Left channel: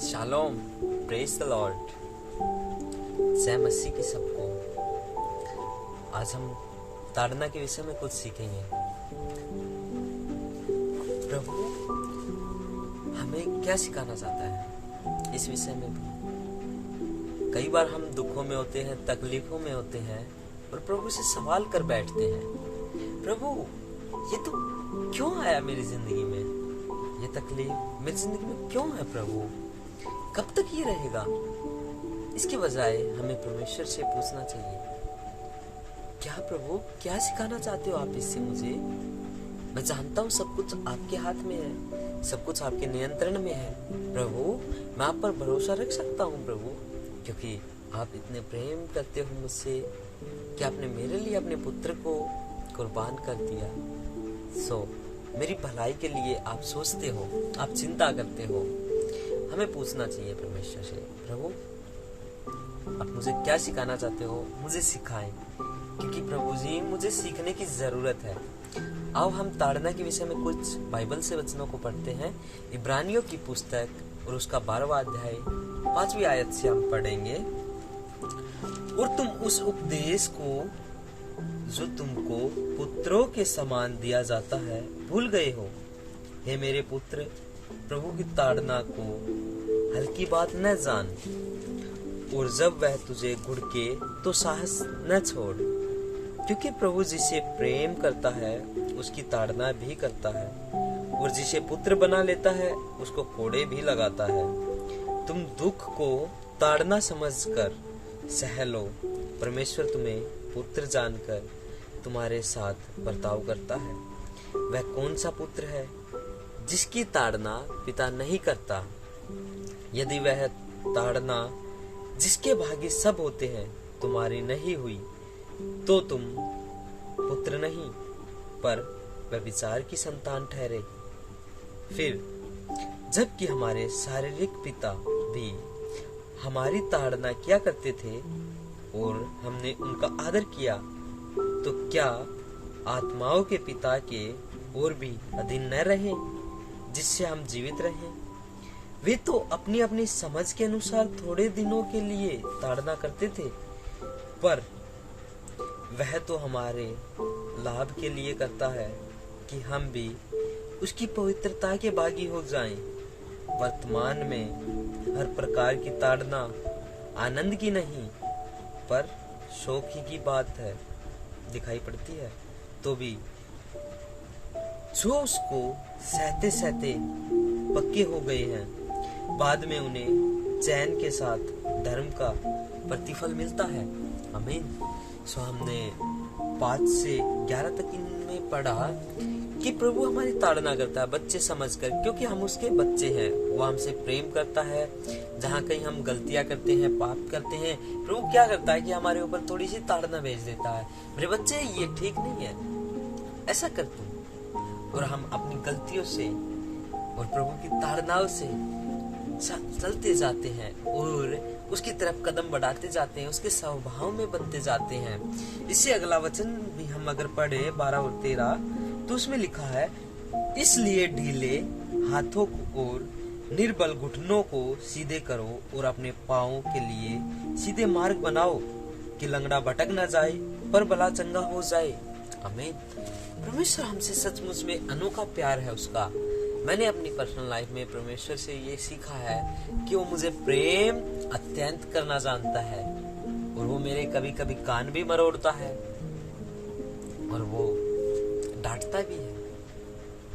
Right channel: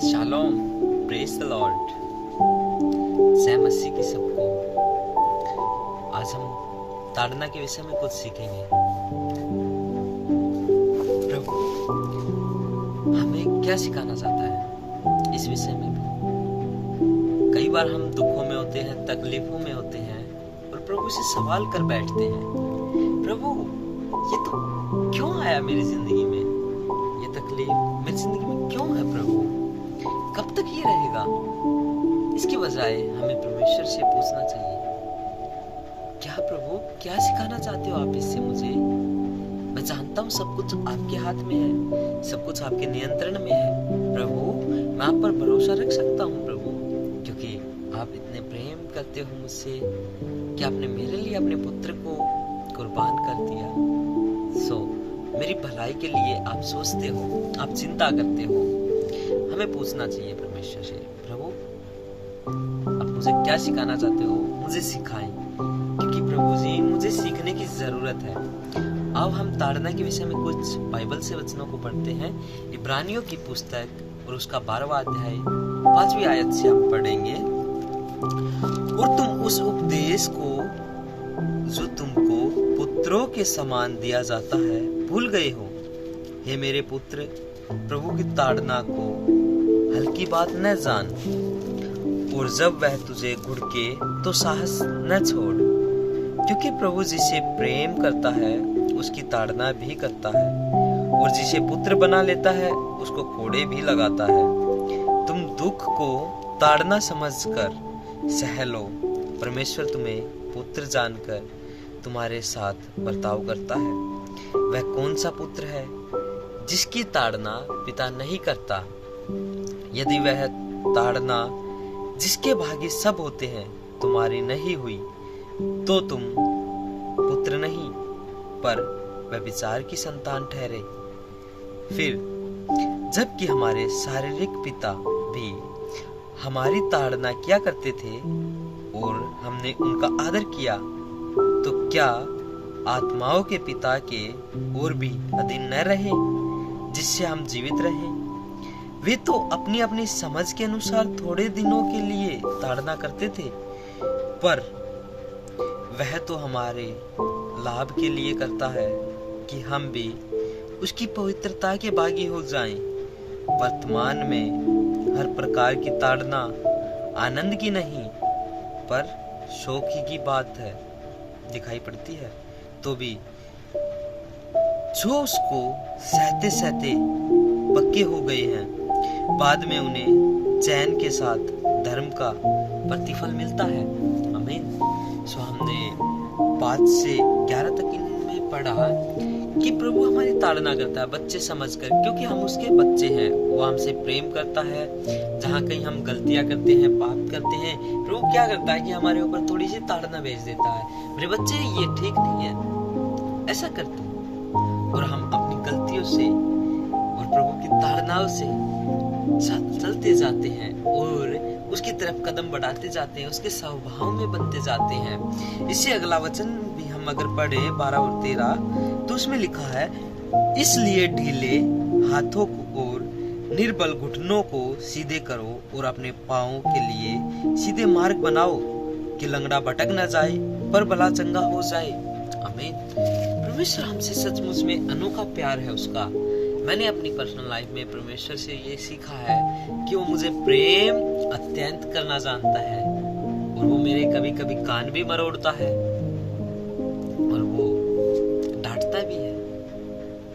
Shalom, praise the Lord. जय मसीह की सबको। आज हम ताड़ना के विषय में कुछ सीखेंगे। प्रभु हमें क्या सिखाना चाहता है इस विषय में भी। कई बार हम दुखों में होते हैं, तकलीफों में होते हैं और प्रभु से सवाल कर बैठते हैं, प्रभु ये तो क्यों आया मेरी जिंदगी में, ये तकलीफ मेरी जिंदगी में क्यों है प्रभु, कब तक ये रहेगा। इसके बजाय हमें परमेश्वर से पूछना चाहिए, क्या प्रभु क्या सिखाना चाहते हो आप इससे मुझे। मैं जानता हूँ सब कुछ आपके हाथ में है, सब कुछ आपके नियंत्रण में है प्रभु। मैं आप पर भरोसा रख सकता हूँ प्रभु, क्योंकि आप इतने प्रेम करते हो मुझसे कि आपने मेरे लिए अपने पुत्र को कुर्बान कर दिया। मेरी भलाई के लिए आप सोचते हो, आप चिंता करते हो। हमें पूछना चाहिए परमेश्वर से, प्रभु आप मुझे क्या सिखाना चाहते हो, मुझे सिखाएं, क्योंकि प्रभु जी मुझे सीखने की जरूरत है। अब हम ताड़ना के विषय में कुछ बाइबल से वचनों को पढ़ते हैं। इब्रानियों की पुस्तक और उसका 12वां अध्याय 5वीं आयत से हम पढ़ेंगे। और तुम उस उपदेश को जो तुमको पुत्रों के समान दिया जाता है भूल गए हो। हे मेरे पुत्र, प्रभु की ताड़ना को हल्की बात न जान, और जब वह तुझे घुड़के तो साहस न छोड़, क्योंकि प्रभु जिसे प्रेम करता है उसकी ताड़ना भी करता है, और जिसे पुत्र बना लेता है उसको कोड़े भी लगाता है। तुम दुख को ताड़ना समझकर सह लो, परमेश्वर तुम्हें पुत्र जानकर तुम्हारे साथ बर्ताव करता है। वह कौन सा पुत्र है जिसकी ताड़ना पिता नहीं करता। यदि वह ताड़ना जिसके भागी सब होते हैं तुम्हारी नहीं हुई, तो तुम पुत्र नहीं पर व्यभिचार की संतान ठहरे। फिर जबकि हमारे शारीरिक पिता भी हमारी ताड़ना किया करते थे और हमने उनका आदर किया, तो क्या आत्माओं के पिता के और भी अधीन न रहे जिससे हम जीवित रहें। वे तो अपनी अपनी समझ के अनुसार थोड़े दिनों के लिए ताड़ना करते थे, पर वह तो हमारे लाभ के लिए करता है कि हम भी उसकी पवित्रता के भागी हो जाएं। वर्तमान में हर प्रकार की ताड़ना आनंद की नहीं पर शोक ही की बात है दिखाई पड़ती है, तो भी जो उसको सहते सहते पक्के हो गए हैं, बाद में उन्हें चैन के साथ धर्म का प्रतिफल मिलता है। आमीन। हमने 5 से 11 तक इनमें पढ़ा कि प्रभु हमारी ताड़ना करता है बच्चे समझकर, क्योंकि हम उसके बच्चे हैं। वो हमसे प्रेम करता है। जहाँ कहीं हम गलतियां करते हैं, पाप करते हैं, प्रभु क्या करता है कि हमारे ऊपर थोड़ी सी ताड़ना भेज देता है, मेरे बच्चे ये ठीक नहीं है, ऐसा कर तू। और हम अपनी गलतियों से और प्रभु की ताड़नाओं से चलते जाते हैं और उसकी तरफ कदम बढ़ाते जाते हैं, उसके स्वभाव में बनते जाते हैं। इससे अगला वचन भी हम अगर पढ़े 12 और 13, तो उसमें लिखा है, इसलिए ढीले हाथों को और निर्बल घुटनों को सीधे करो और अपने पाँवों के लिए सीधे मार्ग बनाओ, कि लंगड़ा भटक न जाए पर भला चंगा हो जाए। आमीन। परमेश्वर हमसे सचमुच में अनोखा प्यार है उसका। मैंने अपनी पर्सनल लाइफ में परमेश्वर से ये सीखा है कि वो मुझे प्रेम अत्यंत करना जानता है, और वो मेरे कभी कभी कान भी मरोड़ता है और वो डांटता भी है,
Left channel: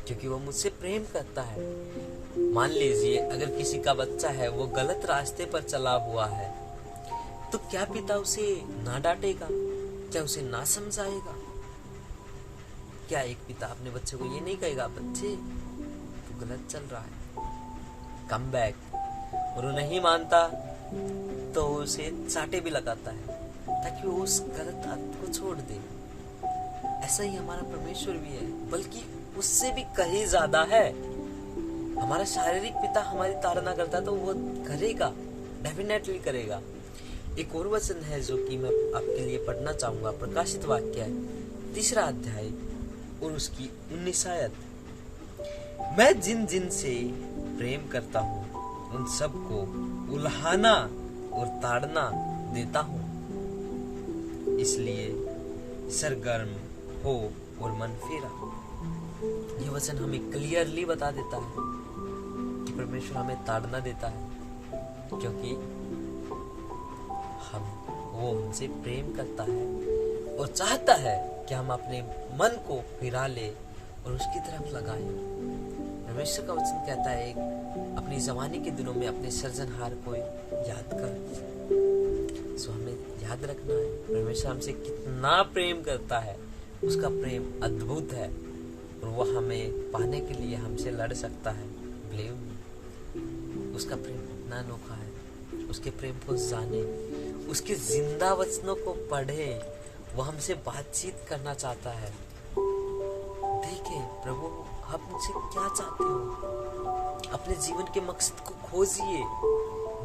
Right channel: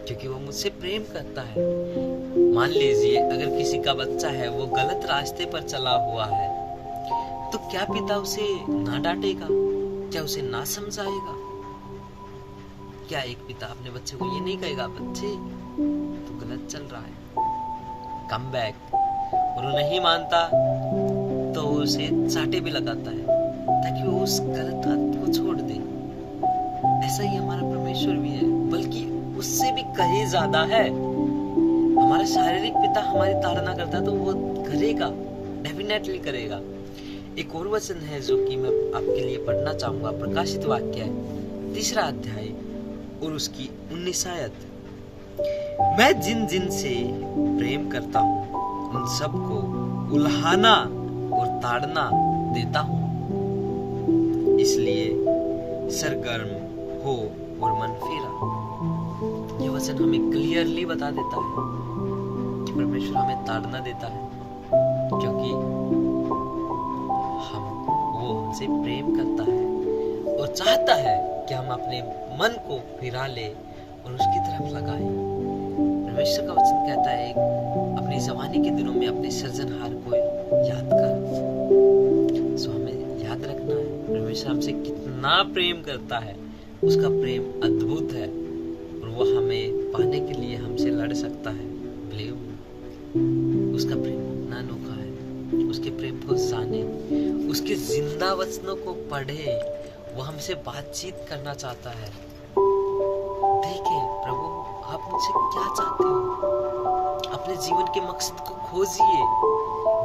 क्योंकि वो मुझसे प्रेम करता है। मान लीजिए अगर किसी का बच्चा है, वो गलत रास्ते पर चला हुआ है, तो क्या पिता उसे ना डांटेगा, क्या उसे ना समझाएगा। क्या एक पिता अपने बच्चे को ये नहीं कहेगा, बच्चे तू गलत चल रहा है, कम बैक। और वो नहीं मानता तो उसे चाटे भी लगाता है ताकि वो उस गलत आदत को छोड़ दे। ऐसा ही हमारा परमेश्वर भी है, बल्कि उससे भी कहीं ज्यादा है। हमारा शारीरिक पिता हमारी ताड़ना करता है तो वो करेगा, डेफिनेटली करेगा। एक और वचन है जो कि मैं आपके लिए पढ़ना चाहूंगा। प्रकाशित वाक्य है 3रा अध्याय और उसकी 19 आयत। मैं जिन जिन से प्रेम करता हूँ उन सबको उल्हाना और ताड़ना देता हूँ। इसलिए सरगर्म हो और मन फेरा। ये वचन हमें क्लियरली बता देता है कि परमेश्वर हमें ताड़ना देता है, क्योंकि वो हमसे प्रेम करता है और चाहता है कि हम अपने मन को फिरा ले और उसकी तरफ लगाएं। परमेश्वर का वचन कहता है अपनी जवानी के दिनों में अपने सृजनहार को याद कर। सो हमें याद रखना है परमेश्वर हमसे कितना प्रेम करता है। उसका प्रेम अद्भुत है और वो हमें पाने के लिए हमसे लड़ सकता है। बिलीव मी, उसका प्रेम इतना अनोखा है। उसके प्रेम को जाने, उसके जिंदा वचनों को पढ़े। वो हमसे बातचीत करना चाहता है। देखे प्रभु आप मुझसे क्या चाहते हो। अपने जीवन के मकसद को खोजिए,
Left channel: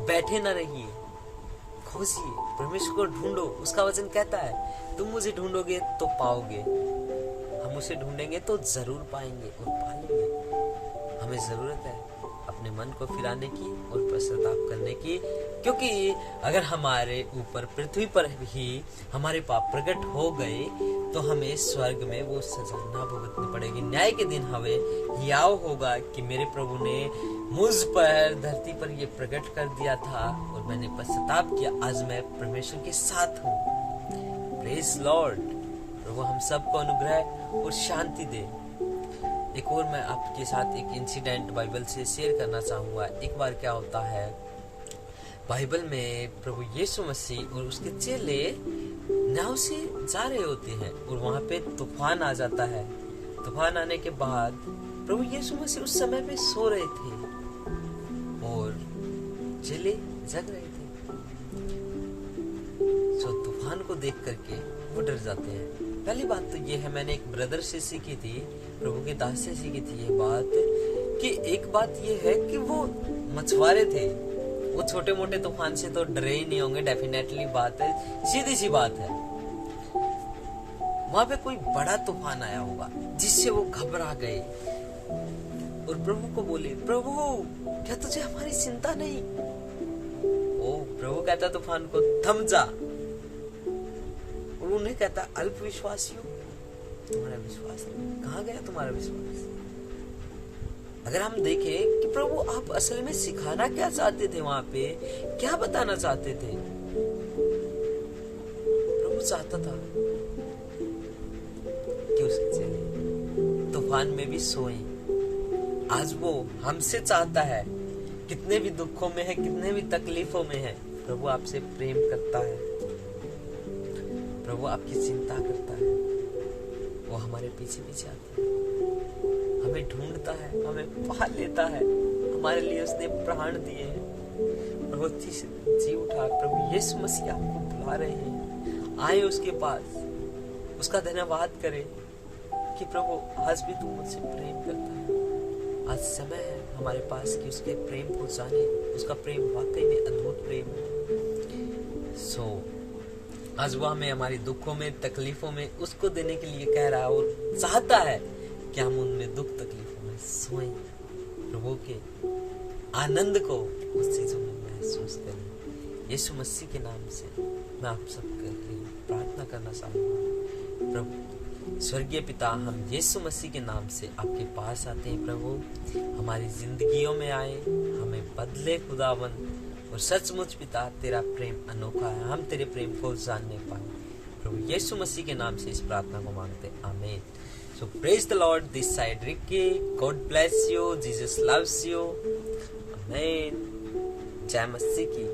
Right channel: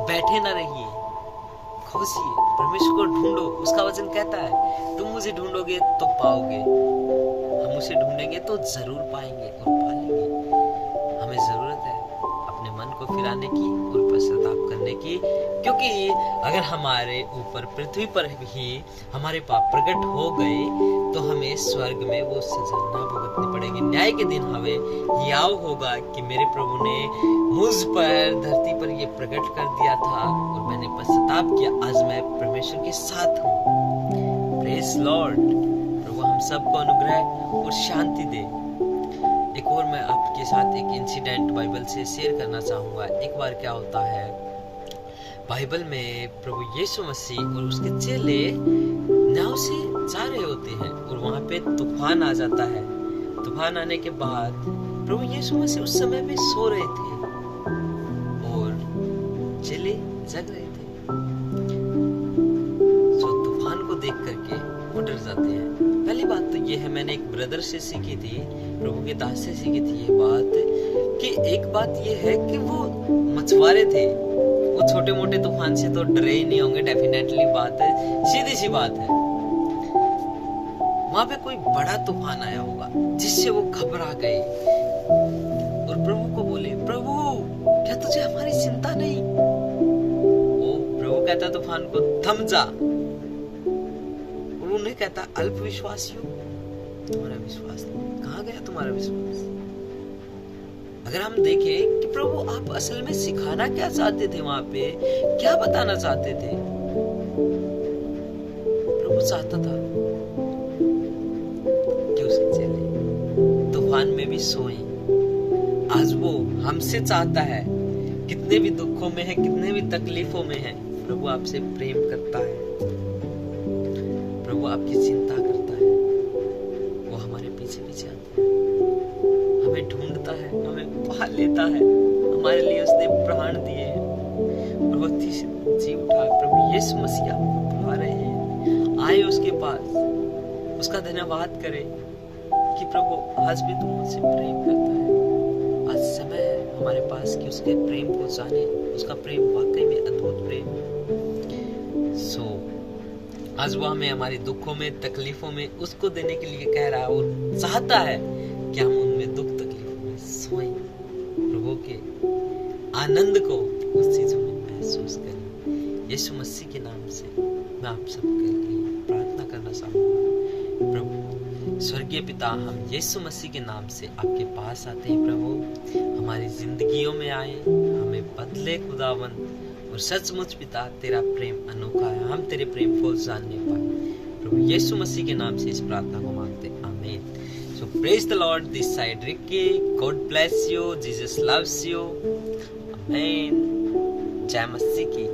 बैठे ना रहिए, खोजिए, परमेश्वर को ढूंढो। उसका वचन कहता है तुम मुझे ढूंढोगे तो पाओगे, हम उसे ढूंढेंगे तो जरूर पाएंगे और पालेंगे। हमें जरूरत है अपने मन को फिराने की और पश्चाताप करने की, क्योंकि अगर हमारे ऊपर पृथ्वी पर ही हमारे पाप प्रकट हो गए तो हमें स्वर्ग में वो सजा ना भुगतनी पड़ेगी। न्याय के दिन हमें याव होगा कि मेरे प्रभु ने मुझ पर धरती पर ये प्रकट कर दिया था और मैंने पश्चाताप किया। आज मैं परमेश्वर के साथ हूँ। Praise Lord. प्रभु हम सबको अनुग्रह और शांति दे। एक और मैं आपके साथ एक इंसिडेंट बाइबल से शेयर करना चाहूँगा। एक बार क्या होता है, बाइबल में प्रभु यीशु मसीह और उसके चेले नाव से जा रहे होते हैं और वहाँ पे तूफान आ जाता है। तूफान आने के बाद प्रभु यीशु मसीह उस समय पे सो रहे थे और चेले जग रहे थे। तो तूफान को देख करके वो डर जाते हैं। पहली बात तो ये है, मैंने एक ब्रदर से सीखी थी, प्रभु के दास से सीखी थी ये बात, कि एक बात ये है कि वो मछुआरे थे। वो छोटे मोटे तूफान से तो डरे ही नहीं होंगे, डेफिनेटली बात है, सीधी सी बात है। वहां पे कोई बड़ा तूफान आया होगा जिससे वो घबरा गए और प्रभु को बोले, प्रभु क्या तुझे हमारी चिंता नहीं? ओ प्रभु कहता तूफान को, थम जा। और उन्हें कहता, अल्प विश्वासियों, तुम्हारा विश्वास कहाँ गया? तुम्हारा विश्वास। अगर हम देखें कि प्रभु आप असल में सिखाना क्या चाहते थे, वहां पे क्या बताना चाहते थे? प्रभु चाहता था कि उसके चेले तूफान में भी सोए। आज वो हमसे चाहता है, कितने भी दुखों में है, कितने भी तकलीफों में है, प्रभु आपसे प्रेम करता है। प्रभु आपकी चिंता करता है। वो हमारे पीछे पीछे आता है, हमें ढूंढता है, हमें पा लेता है। हमारे लिए उसने प्राण दिए हैं और वो जी उठा। प्रभु यीशु मसीह आपको बुला रहे हैं, आए उसके पास, उसका धन्यवाद करें कि प्रभु आज भी तुम मुझसे प्रेम करता है। आज समय है हमारे पास कि उसके प्रेम को जाने। उसका प्रेम वाकई में अद्भुत प्रेम है। आज वो हमें हमारे दुखों में, तकलीफों में उसको देने के लिए कह रहा है और चाहता है कि हम उनमें दुख तकलीफों में सोएं, प्रभु के आनंद को उस चीजों में महसूस करें। यीशु मसीह के नाम से मैं आप सबके लिए प्रार्थना करना चाहूंगा। प्रभु स्वर्गीय पिता, हम यीशु मसीह के नाम से आपके पास आते हैं। प्रभु हमारी जिंदगियों में आए, हमें बदले खुदावन, और सचमुच पिता तेरा प्रेम अनोखा है। हम तेरे प्रेम को जानने पाए। प्रभु यीशु मसीह के नाम से इस प्रार्थना को मांगते, आमीन। So praise the Lord, this side Ricky, God bless you, Jesus loves you, amen। जय मसीह की।